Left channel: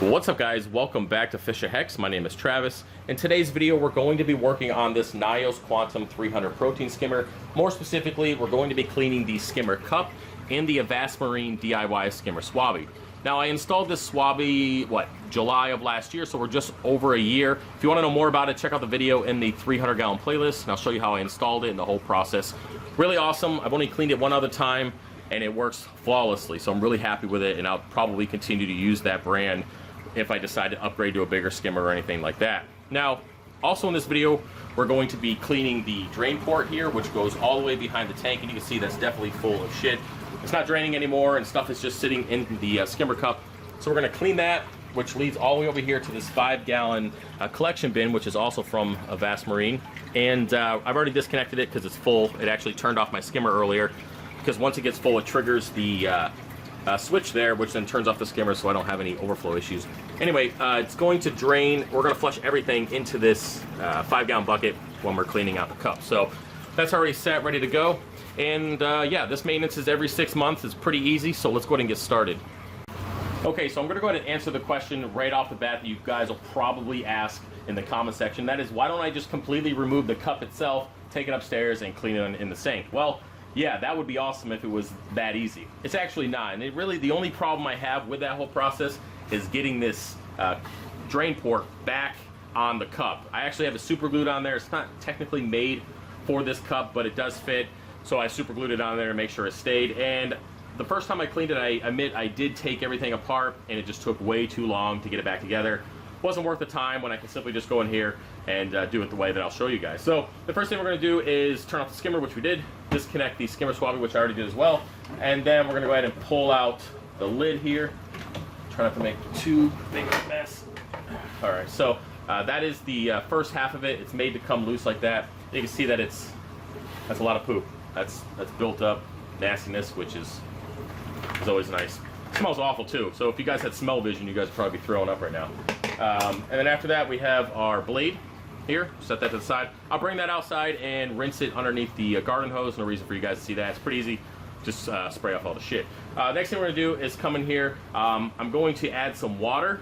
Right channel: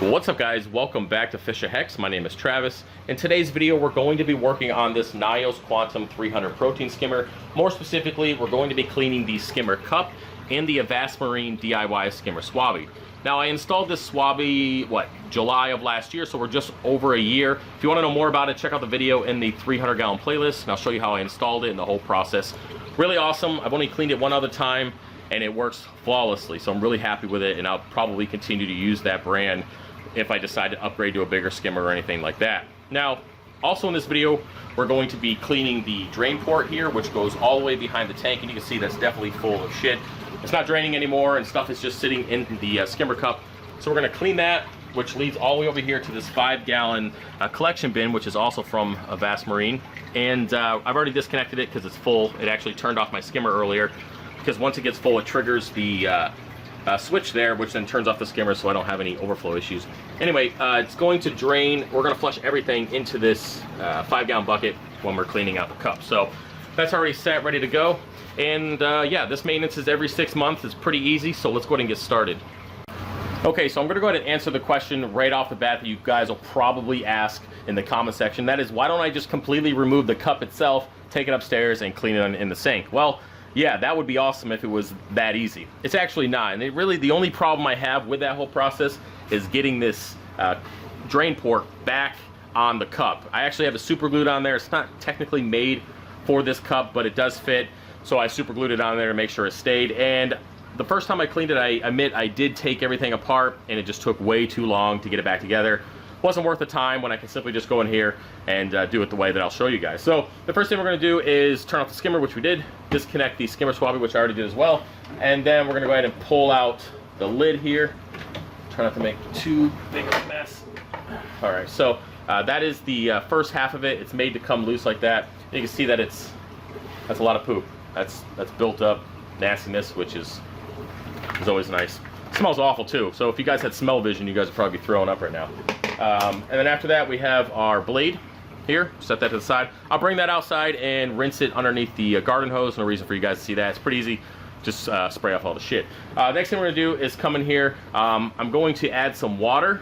What's up guys, welcome back to FishOfHex. My name is Travis. In today's video we're going to be working on this Nyos Quantum 300 protein skimmer. More specifically, we're going to be cleaning the skimmer cup and the Avast Marine DIY skimmer Swabbie. Now I installed this Swabbie, July of last year, so we're just over a year. If you want to know more about it, check out the video in the 300 gallon playlist and I'll show you how I installed it and the whole process. Really awesome. I've only cleaned it one other time and it works flawlessly, so I'm really happy with it, and I'll probably continue to use that brand if I decide to upgrade to a bigger skimmer or anything like that. Now, also in this video, we're going to be cleaning the drain port here, which goes all the way behind the tank, and you can see that's definitely full of shit. It's not draining anymore, and stuff is just sitting in the skimmer cup. So we're gonna clean that, which leads all the way over here to this 5-gallon collection bin, which is also from Avast Marine. And I've already disconnected it because it's full. It actually turned off my skimmer earlier, because once it gets full, it triggers the switch there, which then turns off the skimmer so I don't have any overflow issues. Anyway, it's going to drain. We're going to flush everything into this 5-gallon bucket when we're cleaning out the cup. So that's already set, ready to go. And yeah, this maintenance is every 6 months. It's pretty easy, so let's go ahead and get started. Okay, so I'm going to go ahead and answer the question right off the bat that you guys will probably ask in the comment section. That is, why don't I just completely remove the cup itself, take it upstairs, and clean it in the sink? Well, yeah, that would be awesome if it was that easy. It's actually not, and really the only problem I have with that whole process is getting this drain port back on the cup. I actually have it super glued on there. It's not technically made for this cup, but it does fit, so I super glued it on there to make sure it stayed. And the first time I cleaned it, I admit I did take everything apart, and it just took way too long to get it back together. Wasn't worth the time when I can simply just go in here and do it the way that I'll show you guys. So the first thing we're going to do is turn off the skimmer, which we did, disconnect the Skimmer Swabbie, which I already did as well, and then we're going to go ahead and pull out the lid here. Try not to make too big of a mess. All right, so that is the first half of it. It's made to come loose like that. You can see that that's a lot of poop. That's built up nastiness, which is always nice. It smells awful too, so if you guys had smell vision, you guys would probably be throwing up right now. And then after that, we have our blade here. Set that to the side. I'll bring that outside and rinse it underneath the garden hose. No reason for you guys to see that. It's pretty easy. Just spray off all the shit. Next thing we're gonna do is come in here. I'm going to add some water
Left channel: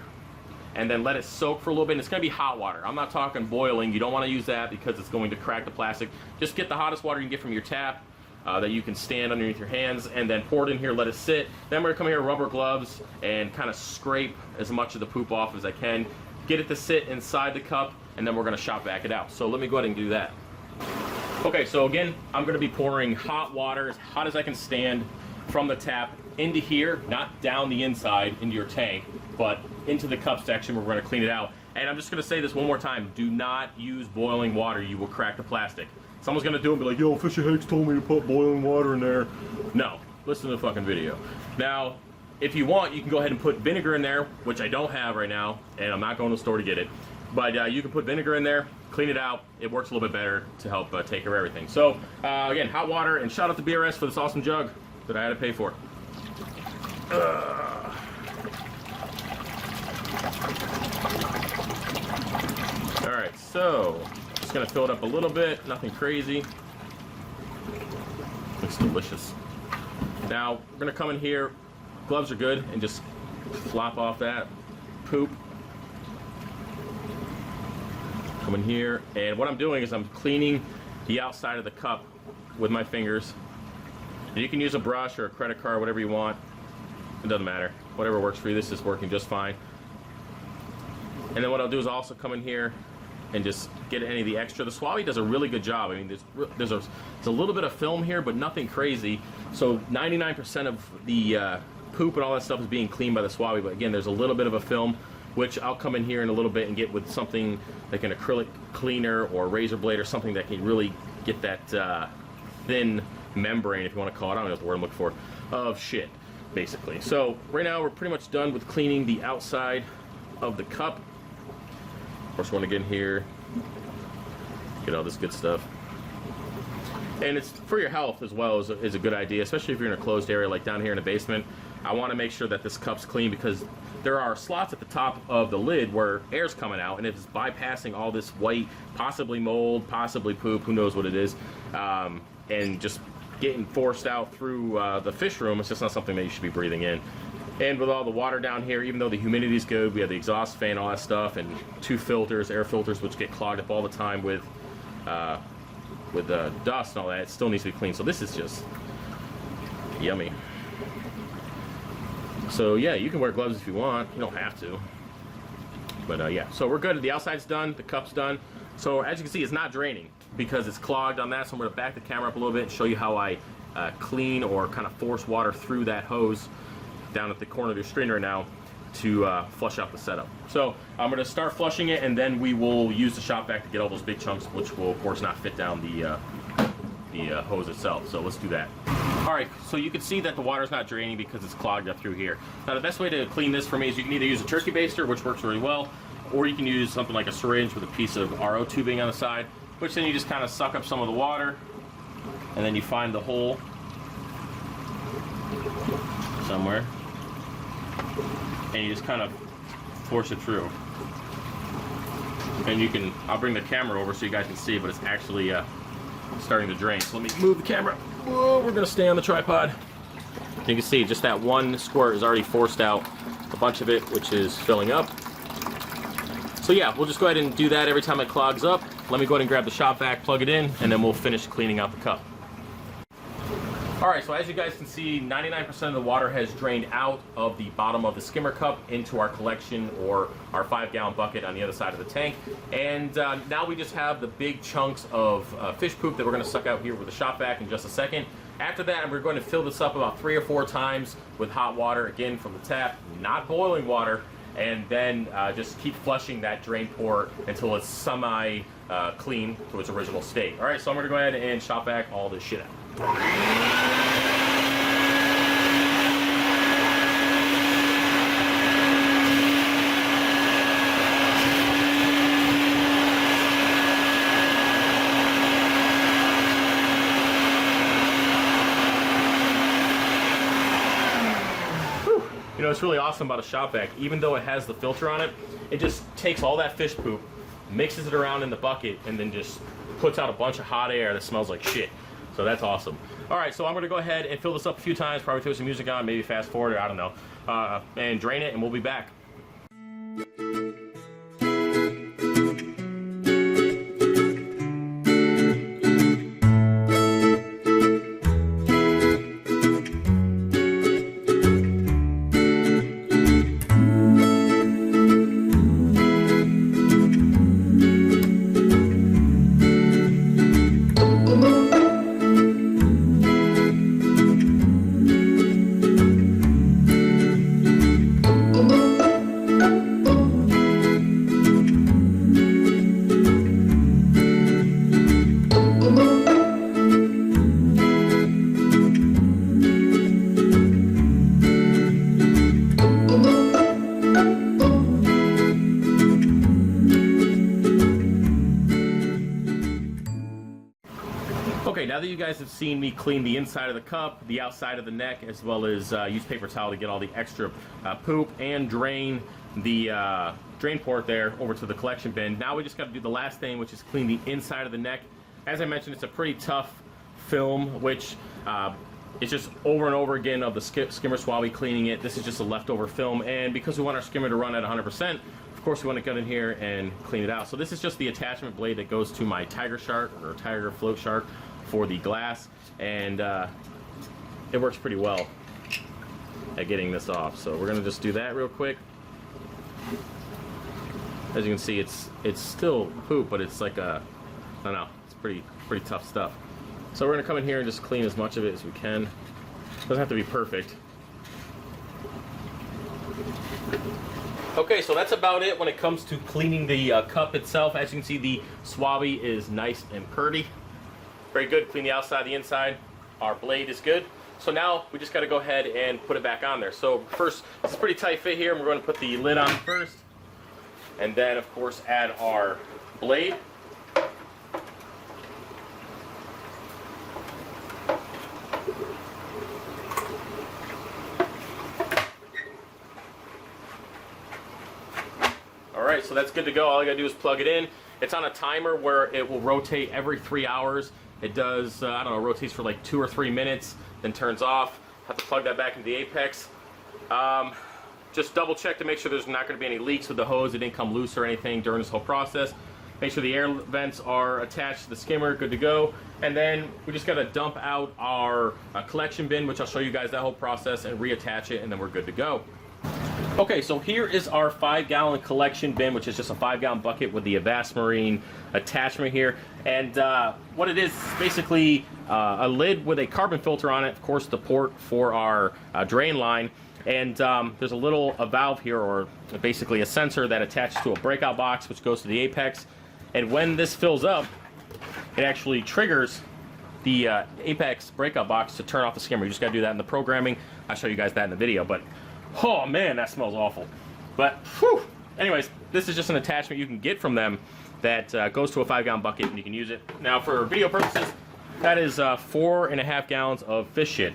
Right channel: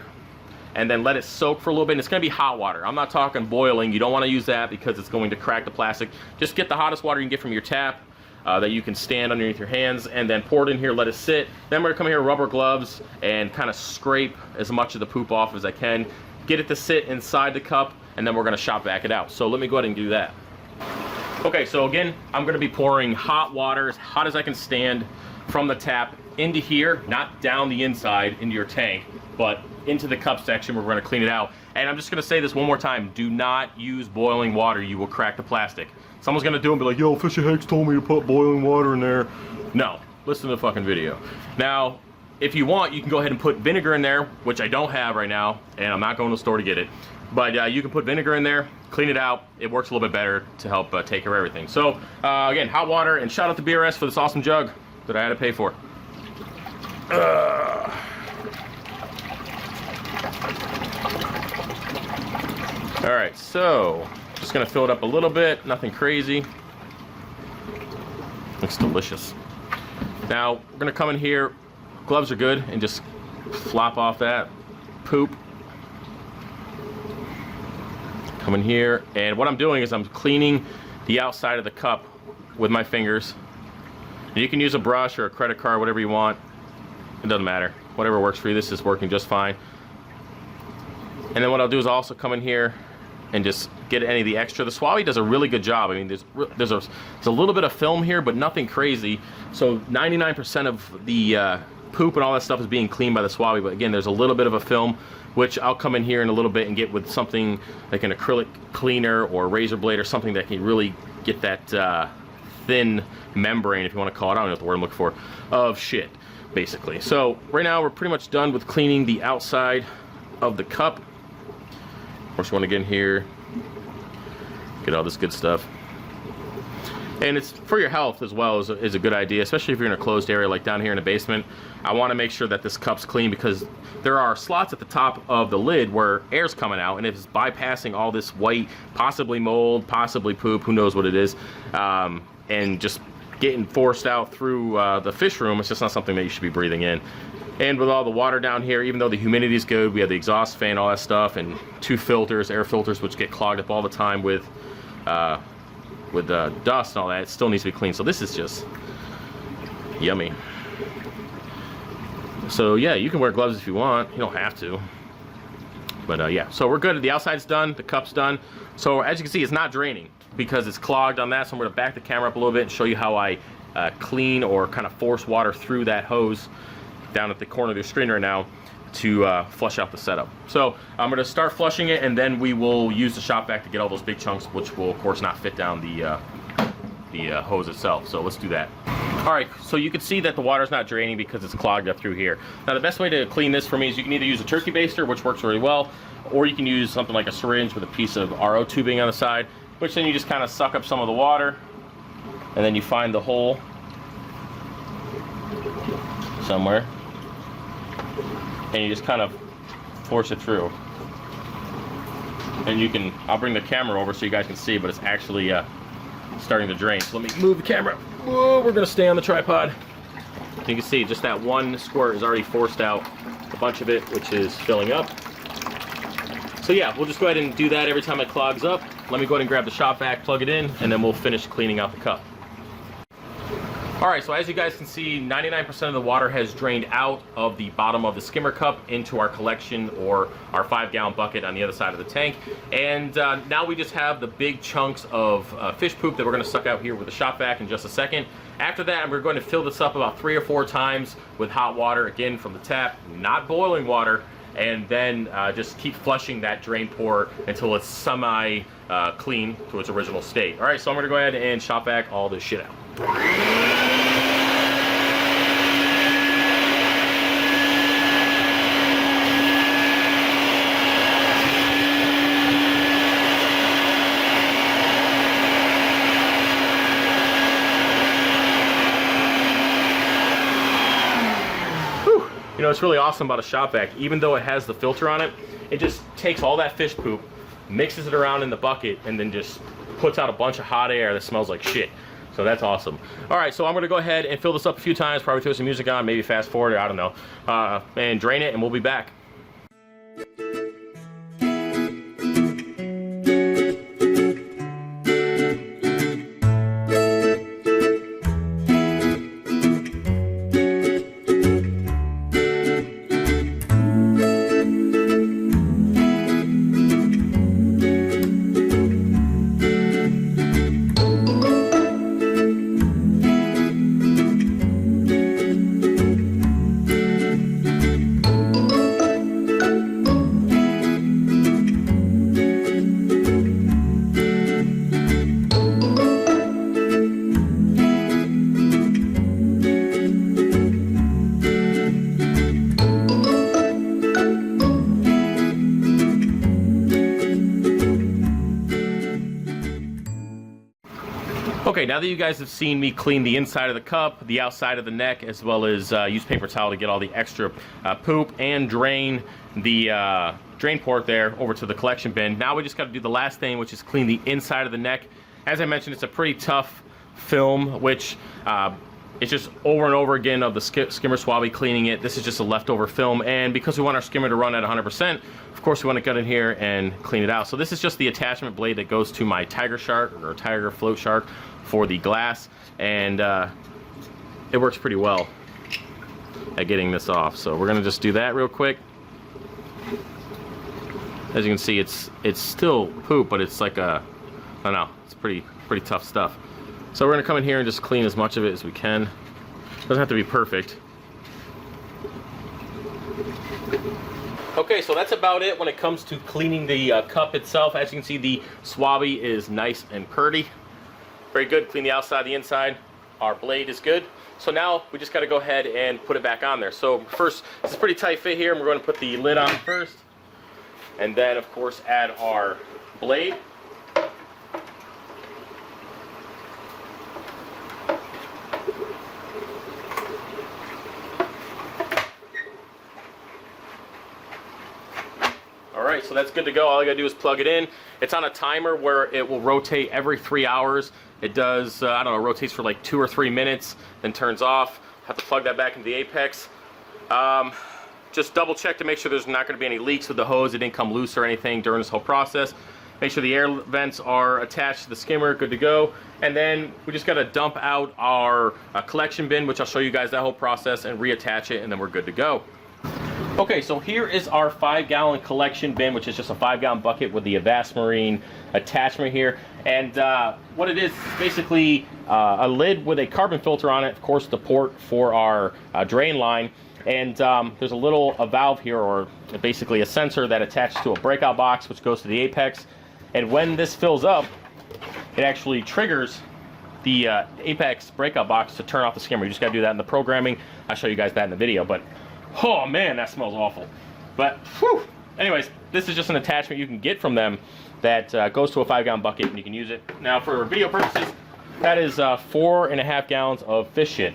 and then let it soak for a little bit. And it's gonna be hot water. I'm not talking boiling. You don't want to use that because it's going to crack the plastic. Just get the hottest water you can get from your tap that you can stand underneath your hands, and then pour it in here, let it sit. Then we're gonna come here, rubber gloves, and kind of scrape as much of the poop off as I can. Get it to sit inside the cup, and then we're gonna shop vac it out. So let me go ahead and do that. Okay, so again, I'm gonna be pouring hot water, as hot as I can stand, from the tap into here, not down the inside into your tank, but into the cup section where we're gonna clean it out. And I'm just gonna say this one more time, do not use boiling water, you will crack the plastic. Someone's gonna do it and be like, yo, FishOfHex told me to put boiling water in there. No, listen to the fucking video. Now, if you want, you can go ahead and put vinegar in there, which I don't have right now, and I'm not going to the store to get it. But you can put vinegar in there, clean it out. It works a little bit better to help take care of everything. So, again, hot water, and shout out to BRS for this awesome jug that I had to pay for. All right, so just gonna fill it up a little bit, nothing crazy. Looks delicious. Now we're gonna come in here, gloves are good, and just flop off that poop. Come in here, and what I'm doing is I'm cleaning the outside of the cup with my fingers. And you can use a brush or a credit card, whatever you want. It doesn't matter. Whatever works for you. This is working just fine. And then what I'll do is I'll also come in here and just get any of the extra. The Swabbie does a really good job. I mean, there's a little bit of film here, but nothing crazy. So 99% of the poop and all that stuff is being cleaned by the Swabbie. But again, there's a little bit of a film, which I'll come in here in a little bit and get with something like an acrylic cleaner or a razor blade or something that can really get that thin membrane, if you want to call it, I don't know what the word I'm looking for, of shit, basically. So right now we're pretty much done with cleaning the outside of the cup. Of course, we want to get in here, get all this good stuff. And it's for your health as well, is a good idea, especially if you're in a closed area like down here in the basement. I want to make sure that this cup's clean because there are slots at the top of the lid where air's coming out, and it's bypassing all this white, possibly mold, possibly poop, who knows what it is, and just getting forced out through the fish room. It's just not something that you should be breathing in. And with all the water down here, even though the humidity is good, we have the exhaust fan, all that stuff, and 2 filters, air filters, which get clogged up all the time with dust and all that. It still needs to be cleaned. So this is just yummy. So yeah, you can wear gloves if you want. You don't have to. But yeah, so we're good. The outside's done. The cup's done. So as you can see, it's not draining because it's clogged on that. So I'm going to back the camera up a little bit and show you how I clean or kind of force water through that hose down at the corner of the strainer now to flush out the setup. So I'm going to start flushing it, and then we will use the shop vac to get all those big chunks, which will of course not fit down the hose itself. So let's do that. All right, so you can see that the water's not draining because it's clogged up through here. Now the best way to clean this for me is you can either use a turkey baster, which works really well, or you can use something like a syringe with a piece of RO tubing on the side, which then you just kind of suck up some of the water, and then you find the hole somewhere, and you just kind of force it through. And you can, I'll bring the camera over so you guys can see, but it's actually starting to drain. So let me move the camera. Whoa, we're gonna stay on the tripod. You can see just that one squirt is already forced out a bunch of it, which is filling up. So yeah, we'll just go ahead and do that every time it clogs up. Let me go ahead and grab the shop vac, plug it in, and then we'll finish cleaning out the cup. All right, so as you guys can see, 99% of the water has drained out of the bottom of the skimmer cup into our collection, or our 5-gallon bucket on the other side of the tank. And now we just have the big chunks of fish poop that we're gonna suck out here with the shop vac in just a second. After that, we're going to fill this up about 3 or 4 times with hot water, again from the tap, not boiling water, and then just keep flushing that drain port until it's semi clean to its original state. All right, so I'm gonna go ahead and shop vac all this shit out. You know, it's really awesome about a shop vac. Even though it has the filter on it, it just takes all that fish poop, mixes it around in the bucket, and then just puts out a bunch of hot air that smells like shit. So that's awesome. All right, so I'm gonna go ahead and fill this up a few times, probably throw some music on, maybe fast forward, I don't know, and drain it, and we'll be back. Okay, now that you guys have seen me clean the inside of the cup, the outside of the neck, as well as use paper towel to get all the extra poop and drain the drain port there over to the collection bin, now we just got to do the last thing, which is clean the inside of the neck. As I mentioned, it's a pretty tough film, which it's just over and over again of the Skimmer Swabbie cleaning it. This is just a leftover film, and because we want our skimmer to run at 100%, of course we want to get in here and clean it out. So this is just the attachment blade that goes to my tiger shark, or tiger float shark, for the glass, and it works pretty well at getting this off. So we're gonna just do that real quick. As you can see, it's still poop, but it's like a, I don't know, it's pretty tough stuff. So we're gonna come in here and just clean as much of it as we can. Doesn't have to be perfect. Okay, so that's about it when it comes to cleaning the cup itself. As you can see, the Swabbie is nice and purty. Very good. Clean the outside, the inside. Our blade is good. So now we just got to go ahead and put it back on there. So first, it's a pretty tight fit here, and we're going to put the lid on first, and then of course add our blade. Alright, so that's good to go. All I gotta do is plug it in. It's on a timer where it will rotate every 3 hours. It does, I don't know, rotates for like 2 or 3 minutes, then turns off. Have to plug that back into the apex. Just double check to make sure there's not going to be any leaks with the hose. It didn't come loose or anything during this whole process. Make sure the air vents are attached to the skimmer, good to go. And then we just got to dump out our collection bin, which I'll show you guys that whole process, and reattach it, and then we're good to go. Okay, so here is our 5-gallon collection bin, which is just a 5-gallon bucket with the Avast Marine attachment here. And what it is basically a lid with a carbon filter on it, of course the port for our drain line. And there's a valve here, or basically a sensor that attaches to a breakout box, which goes to the apex. And when this fills up, it actually triggers the apex breakout box to turn off the skimmer. You just got to do that in the programming. I'll show you guys that in the video. But oh man, that smells awful. But whew. Anyways, this is just an attachment you can get from them that goes to a 5-gallon bucket, and you can use it. Now for video purposes, that is 4.5 gallons of fish shit.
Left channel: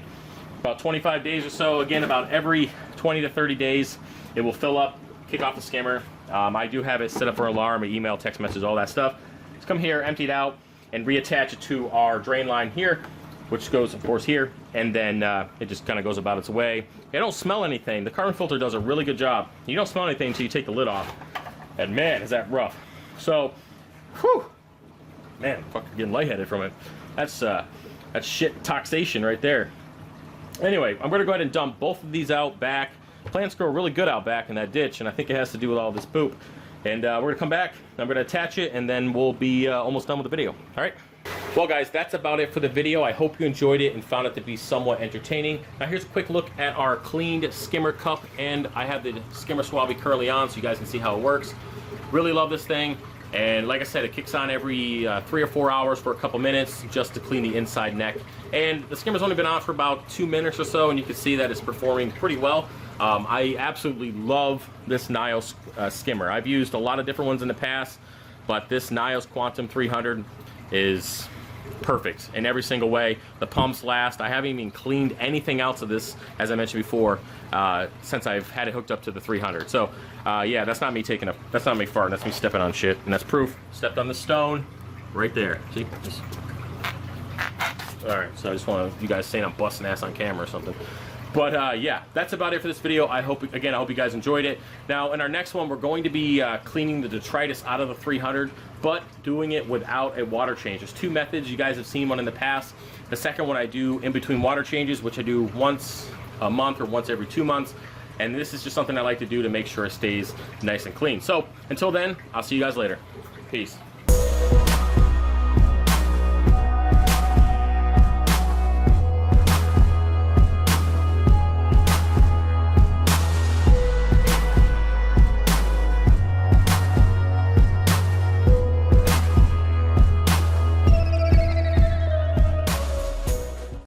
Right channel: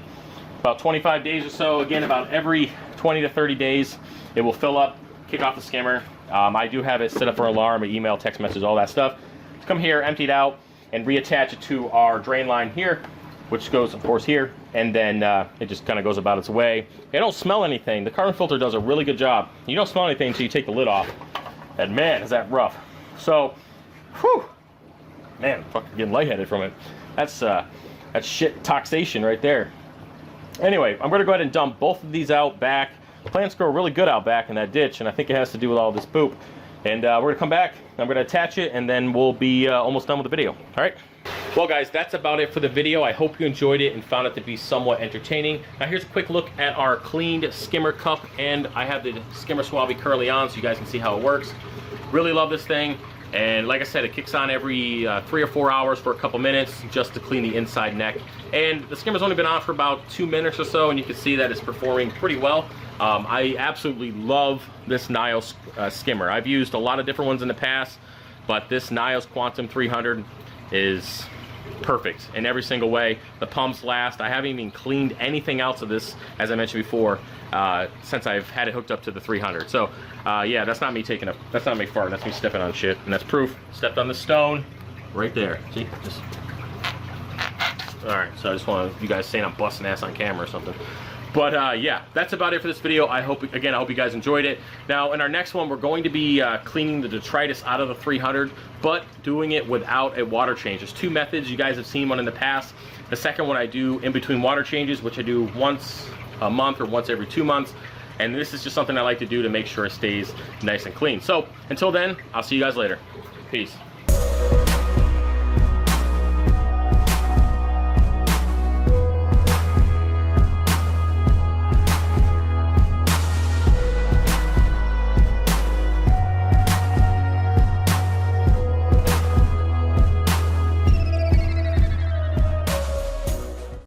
About 25 days or so. Again, about every 20 to 30 days, it will fill up, kick off the skimmer. I do have it set up for alarm, email, text messages, all that stuff. Just come here, empty it out, and reattach it to our drain line here, which goes, of course, here, and then it just kind of goes about its way. It don't smell anything. The carbon filter does a really good job. You don't smell anything until you take the lid off, and man, is that rough. So, whew, man, I'm fucking getting lightheaded from it. That's shit taxation right there. Anyway, I'm going to go ahead and dump both of these out back. Plants grow really good out back in that ditch, and I think it has to do with all this poop. And we're going to come back, I'm going to attach it, and then we'll be almost done with the video. All right? Well, guys, that's about it for the video. I hope you enjoyed it and found it to be somewhat entertaining. Now, here's a quick look at our cleaned skimmer cup, and I have the Skimmer Swabbie currently on so you guys can see how it works. Really love this thing. And like I said, it kicks on every 3 or 4 hours for a couple minutes just to clean the inside neck. And the skimmer's only been on for about 2 minutes or so, and you can see that it's performing pretty well. I absolutely love this Nyos skimmer. I've used a lot of different ones in the past, but this Nyos Quantum 300 is perfect in every single way. The pumps last. I haven't even cleaned anything else of this, as I mentioned before, since I've had it hooked up to the 300. So yeah, that's not me that's not me farting, that's me stepping on shit, and that's proof. Stepped on the stone right there. See? Just all right, so I just want you guys saying I'm busting ass on camera or something. But yeah, that's about it for this video. I hope you guys enjoyed it. Now, in our next one, we're going to be cleaning the detritus out of the 300, but doing it without a water change. There's 2 methods. You guys have seen one in the past. The second one I do in between water changes, which I do once a month or once every 2 months. And this is just something I like to do to make sure it stays nice and clean. So, until then, I'll see you guys later. Peace.